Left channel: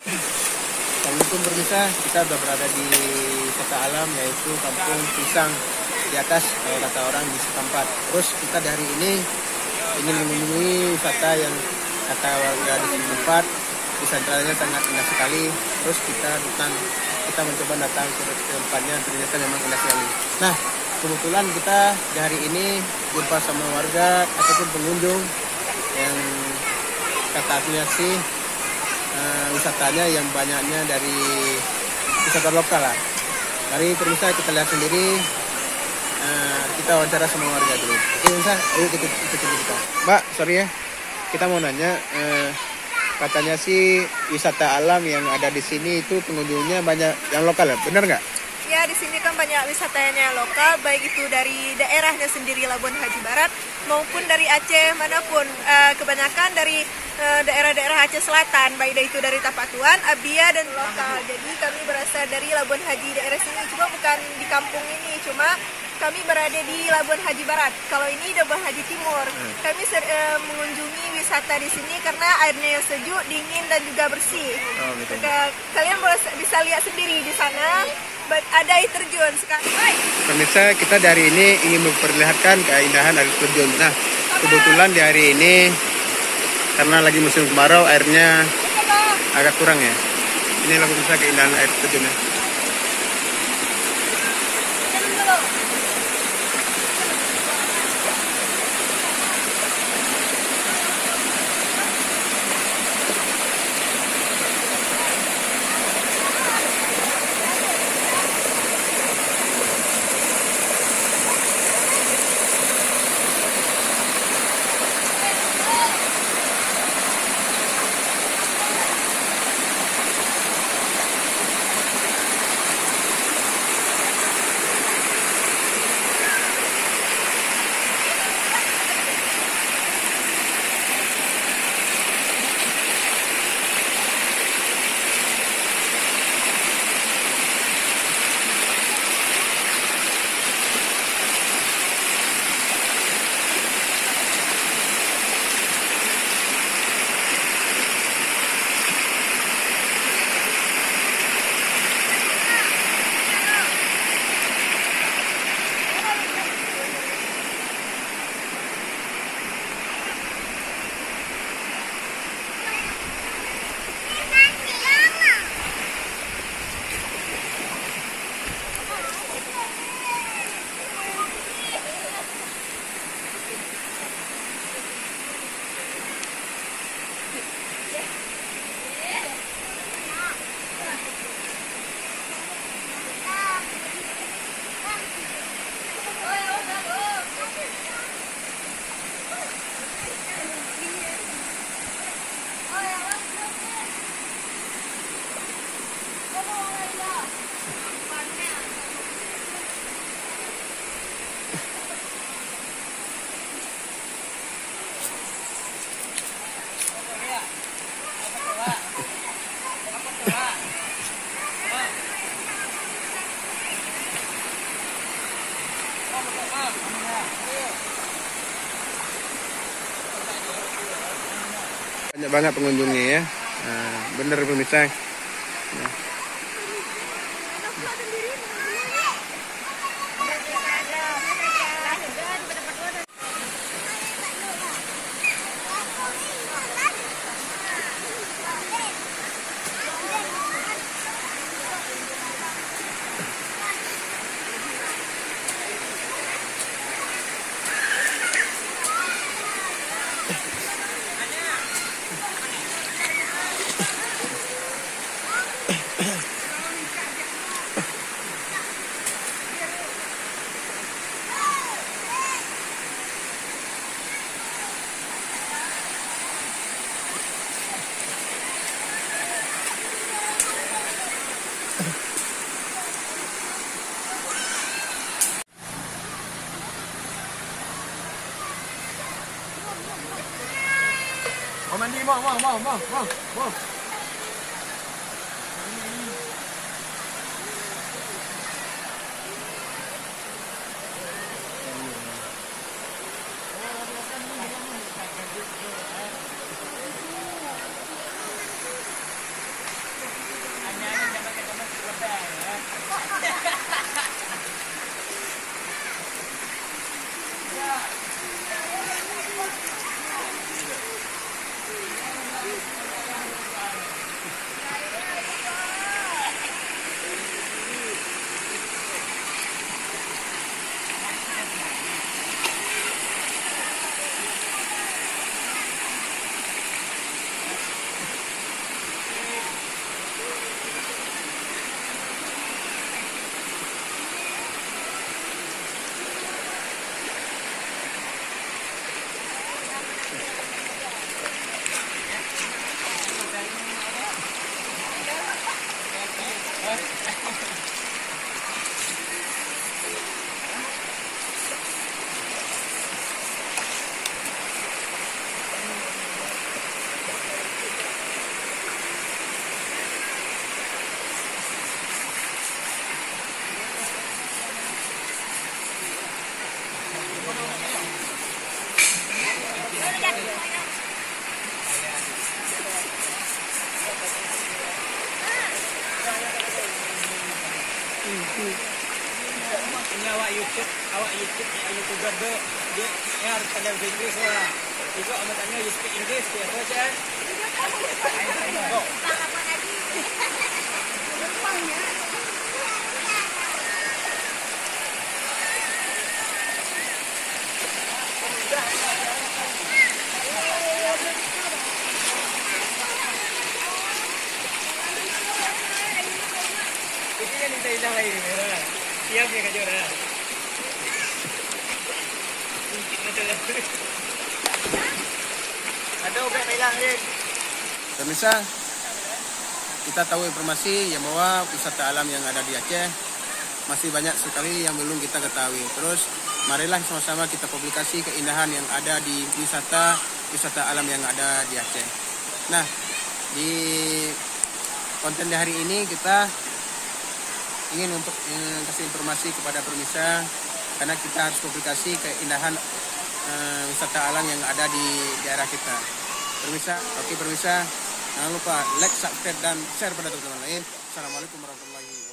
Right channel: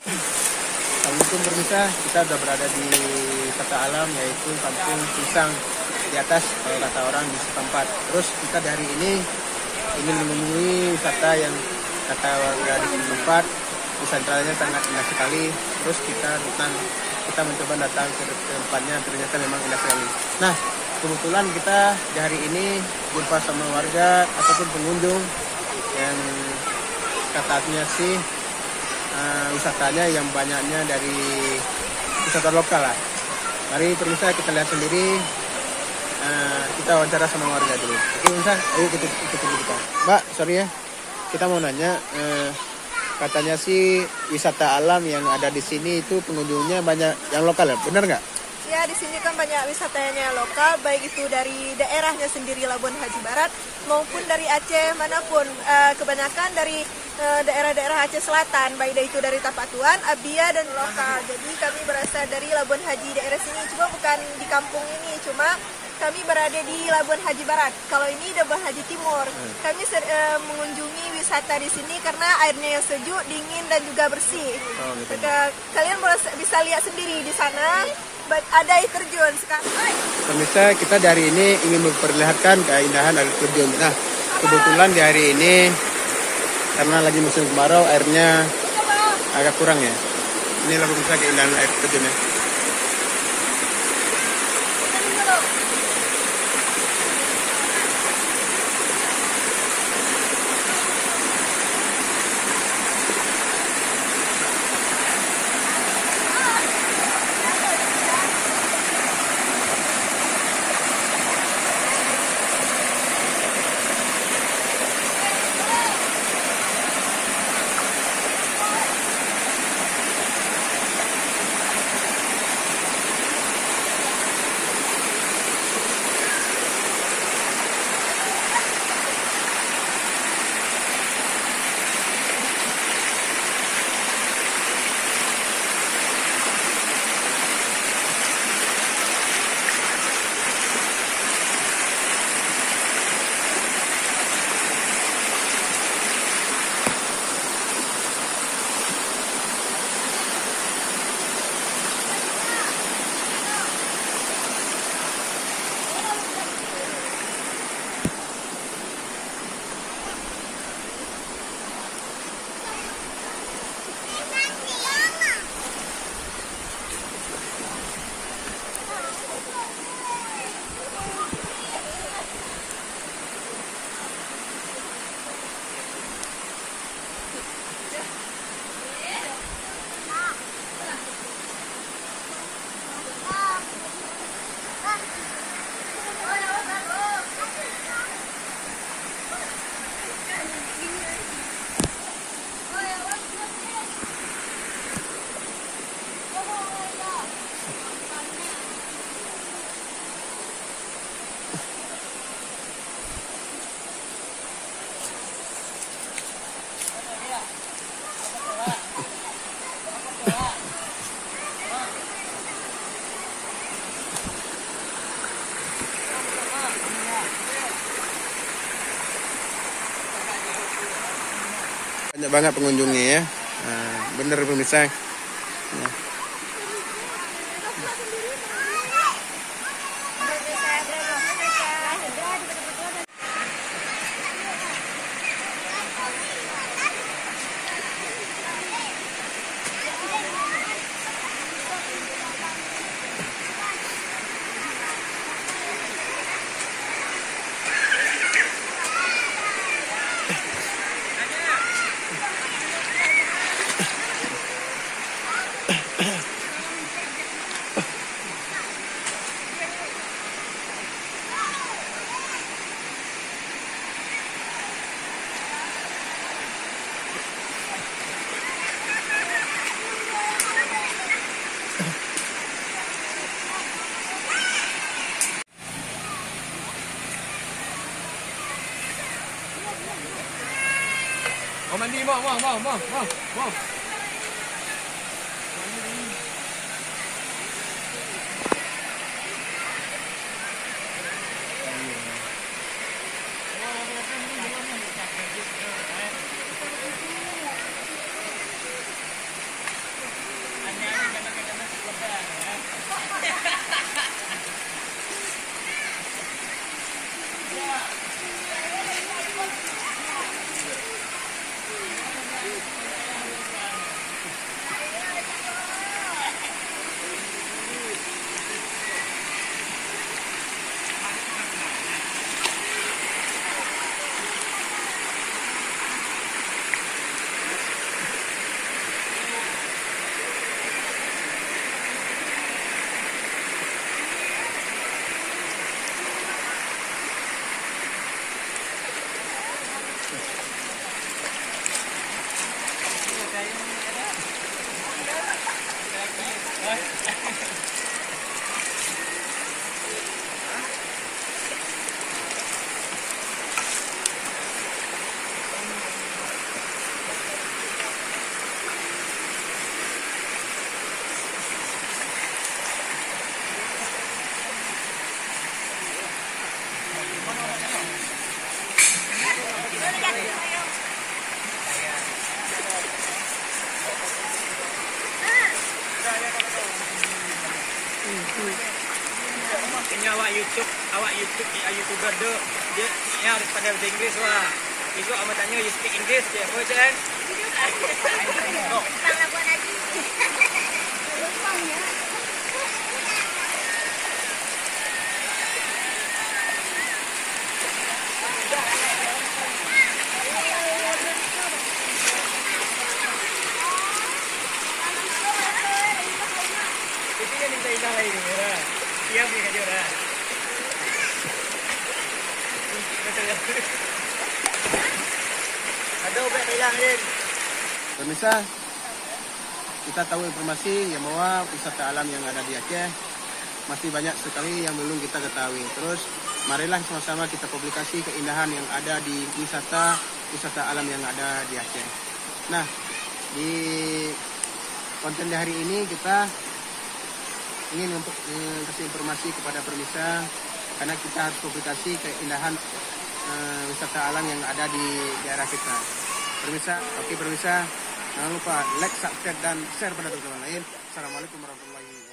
Assalamualaikum pemirsa, kita sudah berada di wisata alam yaitu Kampung Pisang di atas kalau kata orang di setempat. Terus kita dari ini ingin mengunjungi wisata yang kata warga di setempat wisatanya sangat indah sekali. Terus kita mencoba datang ke tempatnya, ternyata memang indah sekali. Nah, kebetulan kita di hari ini jumpa sama warga ataupun pengunjung yang katanya sih wisatanya yang banyaknya dari wisata lokal lah. Mari pemirsa kita lihat sendiri, kita wawancara sama warga dulu. Oke pemirsa, ayo kita ikutin kita. Mbak, sorry ya, kita mau nanya, katanya sih wisata alam yang ada di sini itu pengunjungnya banyak yang lokal ya, benar nggak? Ya, di sini kan banyak wisatanya lokal, baik itu dari daerahnya sendiri Labuan Haji Barat maupun dari Aceh manapun. Kebanyakan dari daerah-daerah Aceh Selatan, baik itu dari Tapatuan, Abia dan lokal. Jadi kami berasal dari Labuan Haji daerah sini, cuma bukan di kampung ini, cuma kami berada di Labuan Haji Barat. Kalau ini Labuan Haji Timur. Kami mengunjungi wisata di sini karena airnya yang sejuk, dingin dan juga bersih. Oh, gitu. Kalian bisa lihat sendiri di sana. Ada air terjun sekarang. Pemirsa, kita dari ini ingin memperlihatkan keindahan air terjun. Nah, kebetulan di hari ini karena lagi musim kemarau, airnya agak kurang ya. Inilah pemirsa keindahan air terjunnya. Banyak banget pengunjungnya ya. Nah, bener pemirsa. Nah. Mau mandi, mau. Ini awak YouTuber tu dia harus pandai bahasa Inggeris wah. Besok amat tanya you speak English dia apa kan? Itu yang minta hilang lagi ni orang. Siap dia kerja orang. Ada ubat hilang ni. Pemirsa, kita tahu informasi yang bahwa wisata alam yang ada di Aceh masih banyak sekali yang belum kita ketahui. Terus marilah sama-sama kita publikasi keindahan yang ada di wisata alam yang ada di Aceh. Nah, di konten di hari ini kita ingin kasih informasi kepada pemirsa karena kita harus publikasi keindahan wisata alam yang ada di daerah kita. Pemirsa, oke pemirsa, jangan lupa like, subscribe dan share pada teman-teman lain. Assalamualaikum warahmatullahi wabarakatuh.